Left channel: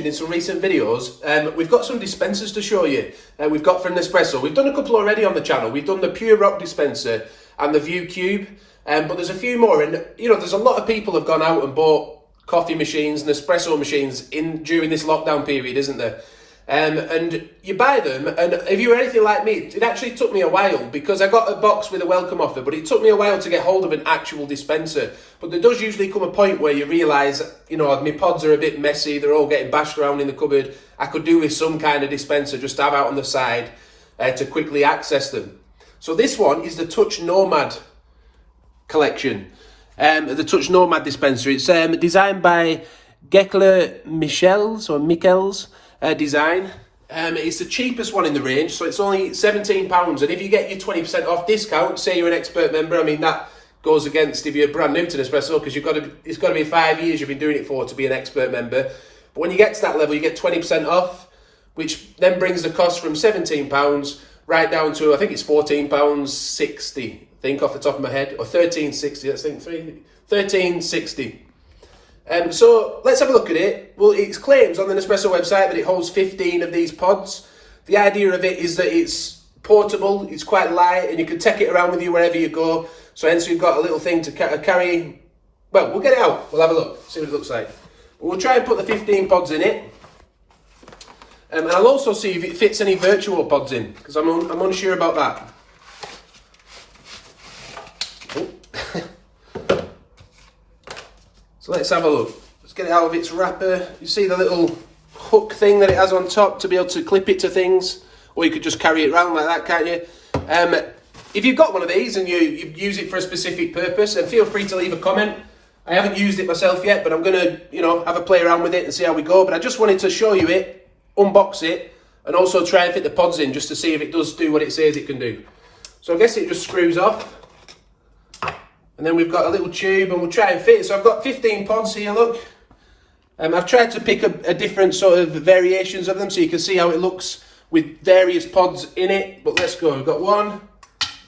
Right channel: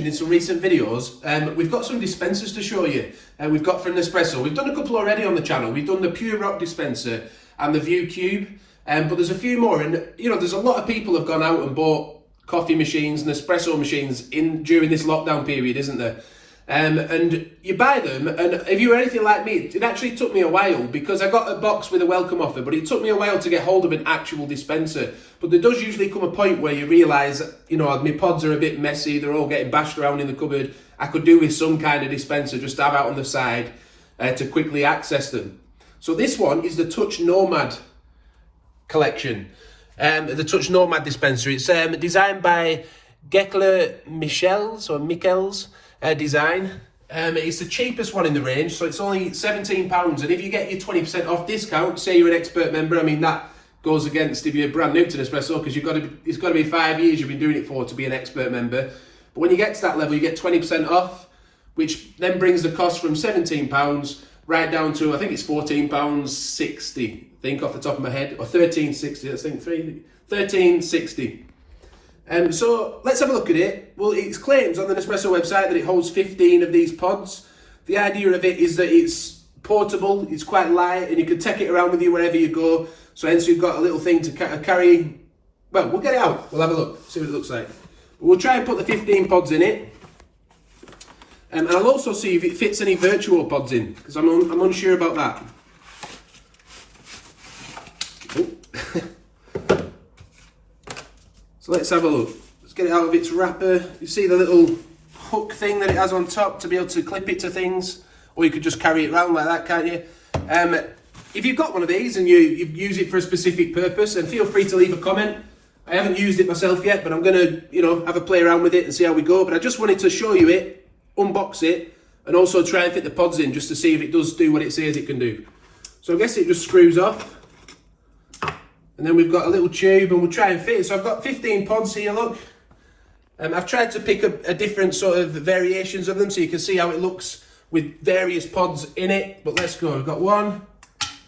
mentioned in some recent videos, we've got some dispensers to show you. We've got from Nespresso. We've done a couple already on the channel. We've done the Pure Rock dispenser and the View Cube, but there's a few more. And there's a lot of people have gone out and bought coffee machines, Nespresso machines during this lockdown period, isn't there? And you buy them, and if you were anything like me, it actually took me a while, because I got a box with a welcome offer, but it took me a while to get hold of an actual dispenser. But there does usually come a point where you realise, my pods are a bit messy, they're all getting bashed around in the cupboard. I could do with some kind of dispenser just to have out on the side to quickly access them. So this one is the Touch Nomad collection, the Touch Nomad dispenser. It's designed by Geckeler Michels design. It's the cheapest one in the range, so it's only £17. And if you get your 20% off discount, say you're an expert member, I mean that goes against if you're brand new to Nespresso, because it's got to be 5 years you've been doing it for to be an expert member. But when you get to that level, you get 20% off, which then brings the cost from £17 right down to, I think it's £14.60, I think off the top of my head, or £13.60. Let's think £13.60. So let's have a look at it. Well, it claims on the Nespresso website that it holds 15 of these pods. The idea of it is that it's portable, it's quite light, and you can take it around with you wherever you go. So hence we've got a little thing to carry. Well, we'll get it out. We'll have a look, see what it looks like. We'll try and put the 15 pods in it. And I'll also see if it fits any Vertuo pods in, because I'm unsure about that. So let's have a look. Let's get it out of its wrapper. You see the little hook thing that it has on top to be able to clip it to things, or you could just carry it around like that, can't you? If you've got one of these and you use it for a specific purpose, then feel free to leave a comment. I haven't used it myself yet, but I'm going to, have a play around with it and see how we go. But I just wanted to show you it, unbox it, and also try and fit the pods in just to see if it does do what it says it can do. So I guess it just screws off. And then we've got a little tube, and we'll try and fit it. So I've got 15 pods here, look. I've tried to pick a different sort of variations of them so you can see how it looks with various pods in it. But let's go. We've got 1,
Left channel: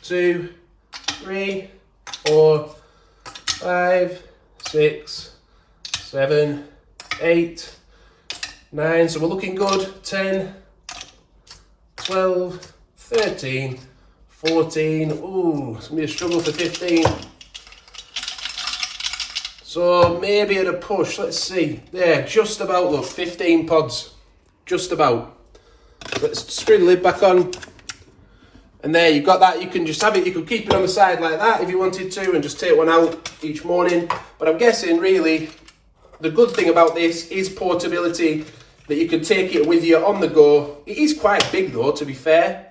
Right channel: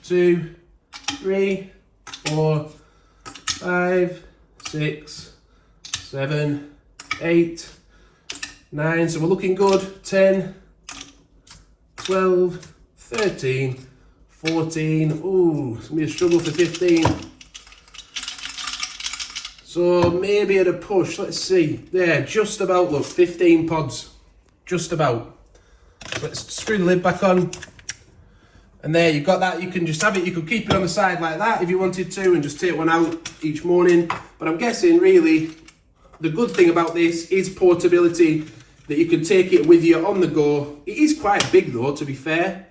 2, 3, 4, 5, 6, 7, 8, 9. So we're looking good. 10, 12, 13, 14. Ooh, it's going to be a struggle for 15. So maybe at a push, let's see. There, just about, look, 15 pods. Just about. Let's screw the lid back on. And there, you've got that. You can just have it. You could keep it on the side like that if you wanted to, and just take one out each morning. But I'm guessing, really, the good thing about this is portability, that you can take it with you on the go. It is quite big, though, to be fair.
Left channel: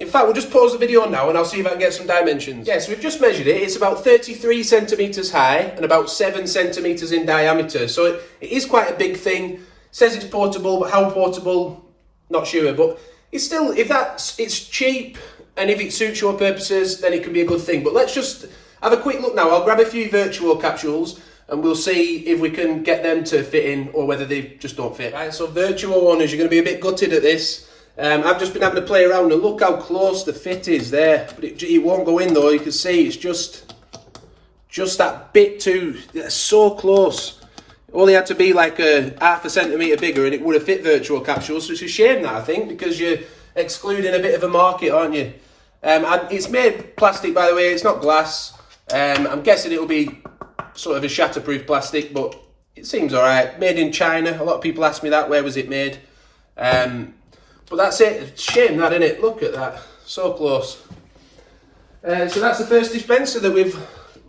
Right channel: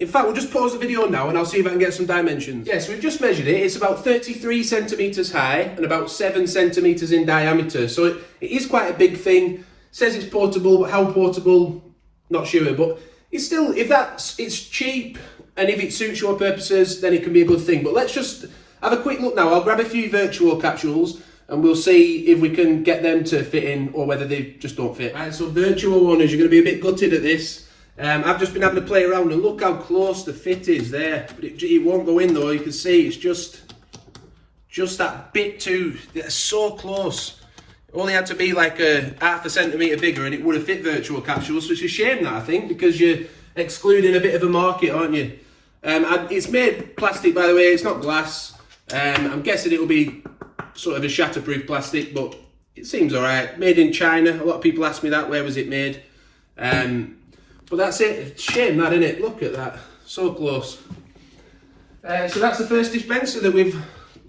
In fact, we'll just pause the video now and I'll see if I can get some dimensions. Yes, we've just measured it. It's about 33 centimetres high and about 7 centimetres in diameter. So it is quite a big thing. It says it's portable, but how portable? Not sure. But it's still, it's cheap, and if it suits your purposes, then it can be a good thing. But let's just have a quick look now. I'll grab a few Vertuo capsules and we'll see if we can get them to fit in or whether they just don't fit. Right, so Vertuo owners, you're going to be a bit gutted at this. I've just been having to play around, and look how close the fit is there. But it won't go in though. You can see it's just that bit too. It's so close. It only had to be like a half a centimetre bigger and it would have fit Vertuo capsules. So it's a shame that, I think, because you're excluding a bit of a market, aren't you? It's made plastic, by the way. It's not glass. I'm guessing it'll be sort of a shatterproof plastic, but it seems all right. Made in China. A lot of people ask me that. Where was it made? But that's it. It's a shame that, isn't it? Look at that. So close. So that's the first dispenser that we've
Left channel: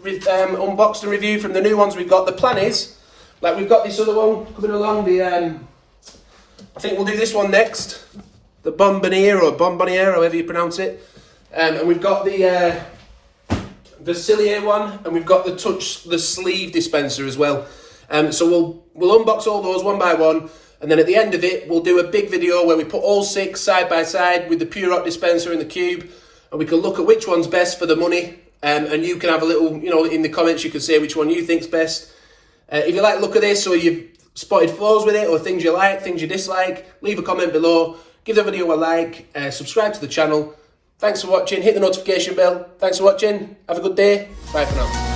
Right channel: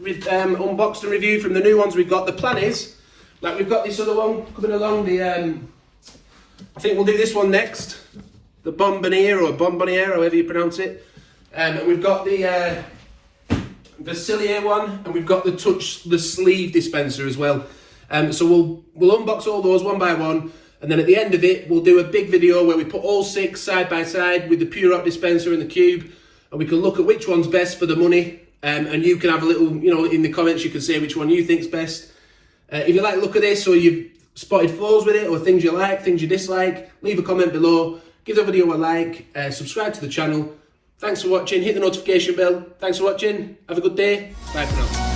unboxed and reviewed from the new ones we've got. The plan is, like, we've got this other one coming along. I think we'll do this one next. The Bomboniere, however you pronounce it. And we've got the Vasilier one, and we've got the sleeve dispenser as well. So we'll unbox all those one by one. And then at the end of it, we'll do a big video where we put all 6 side by side with the Pure Rock dispenser and the cube, and we can look at which one's best for the money. And you can have a little, in the comments, you can say which one you think's best. If you like the look at this, or you've spotted flaws with it, or things you like, things you dislike, leave a comment below. Give the video a like, subscribe to the channel. Thanks for watching. Hit the notification bell. Thanks for watching. Have a good day. Bye for now.